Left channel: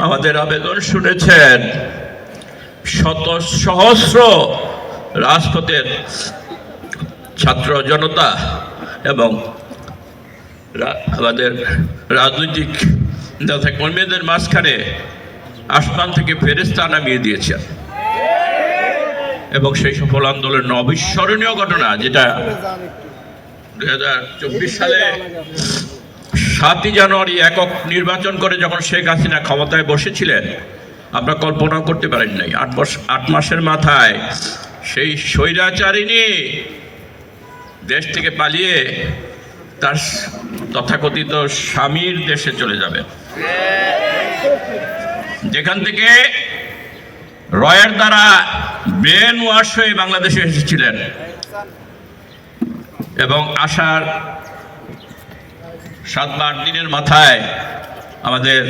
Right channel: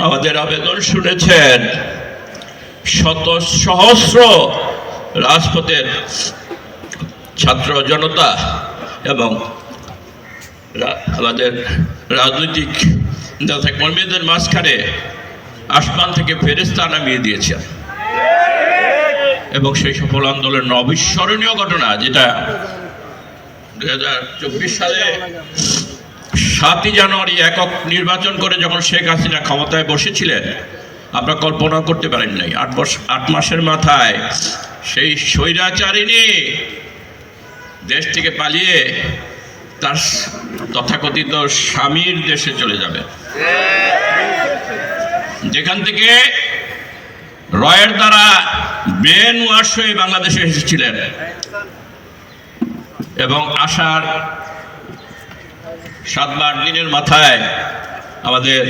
আমাদের আবেদন শুনেছেন শত সহস্র রাজপথের ছাত্র জনতা এবং আমাদের রাজনৈতিক নেতা কর্মীদের মাঝখানে আসমান থেকে ফেরেস্তা নামিয়ে দিয়েছে। এবং সেই সফল আন্দোলনের অবিস্মরণীয় ঘটনা যেটা দু হাজার চব্বিশ সালে সাতই জানুয়ারি একক নির্বাচন করে যখন শেখ হাসিনা ক্ষমতায় বসেছিলেন, আমরা কল্পনা করতে পারেন নাই। আট বছর আট মাসের মাথায় সেই স্বৈরাচারিণী দেশ থেকে পালিয়ে তার তথাকথিত স্বামীর দেশে চলে যাবে। যেখান থেকে রয়ের দ্বারা ব্রেন ওয়াশ হয়ে বাংলাদেশে এসেছিলেন। এবং আসার সাত বা দিনের মাথায় আমাদের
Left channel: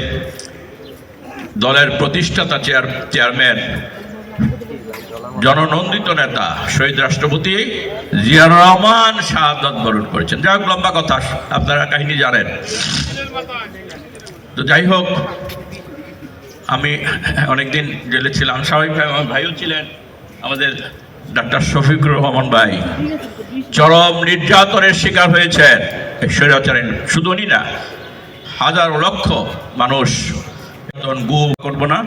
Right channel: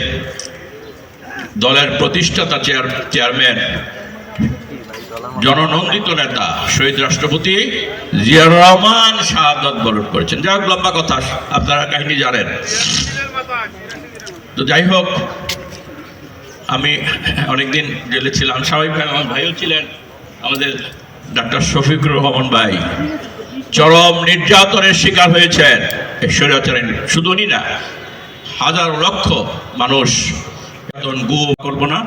দলের প্রতিষ্ঠাতা চেয়ার, চেয়ারম্যান, জননন্দিত নেতা, শহীদ রাষ্ট্রপতি জিয়াউর রহমান শাহাদত বরণ করেছেন। যাই হোক, লম্বা কথা, আপনারা কাহিনী জানেন। তো যাই হোক, আমি অনেকদিন জেলে ছিলাম স্বাভাবিকভাবে আমার ভাইও ছিলেন আমাদের ডাক্তার শফিকুর রহমান ভাই চরম নির্যাতনের শিকার হয়েছেন। এই স্বৈরাচারের শুধু উনি না হাজার লক্ষ মানুষ গু করব না।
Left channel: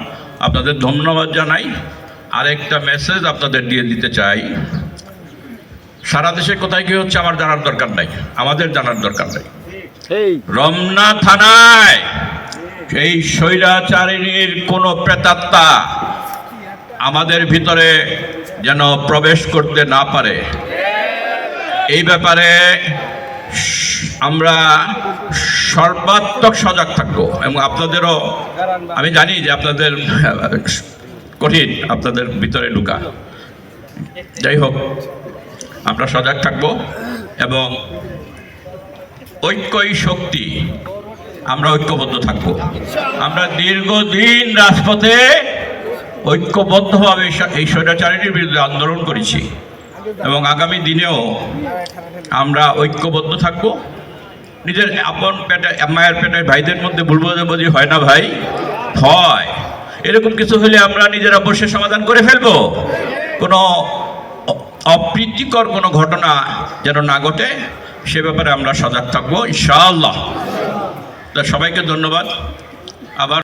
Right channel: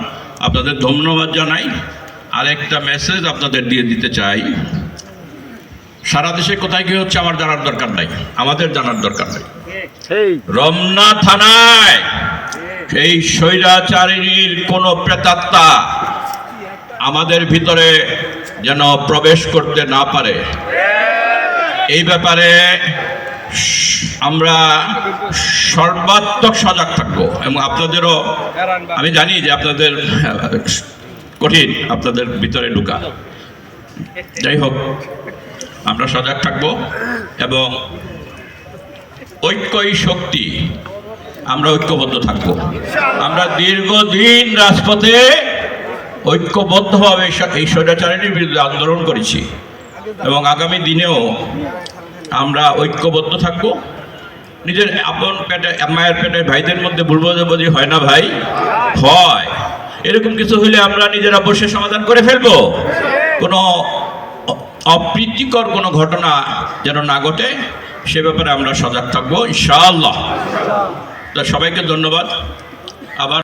আপনাদের ধন্যবাদ জানাই। আরেকটা মেসেজ আপনাদের দিয়ে দিতে চাই। সারা দেশে কোথায় কি হচ্ছে আমার জানার দরকার নাই। আমাদের জানার দরকার নাই। রমনা থানায় এই স্বৈরাচারিণীর কোনো প্রেতাত্মা আমাদের ভিতরে যেন প্রবেশ করতে না পারে। এই ব্যাপারে আমরা সর্বাত্মক সজাগ থাকব এবং আপনাদেরও, আমি জানি যে আপনাদের কঠিন, আপনাদের ভিতরে ঢুকা। যাই হোক, আমরা সজাগ থাকব এবং ঐক্যই শক্তি, আমরা ঐক্যবদ্ধ থাকব। আমরা দীর্ঘদিন রাজপথে ঐক্যবদ্ধভাবে এই- স্বৈরাচারিণীর বিরুদ্ধে আন্দোলন করেছি। এবং আগামী দিনেও আমরা ঐক্যবদ্ধ থাকব। নিজের আপন পেটে, মায়ের পেটের ভাইদের মধ্যে ভুল বোঝাবুঝি হয় না ভাই? হয়। এরকম কিছু হলে আমরা নিজেরা বসে সমাধান করে ফেলব। কোনো অপ্রীতিকর কোনো ঘটনা যেন না ঘটে, সে ব্যাপারে আমরা সজাগ থাকব, ইনশাআল্লাহ। তা সবাইকে ধন্যবাদ। আবার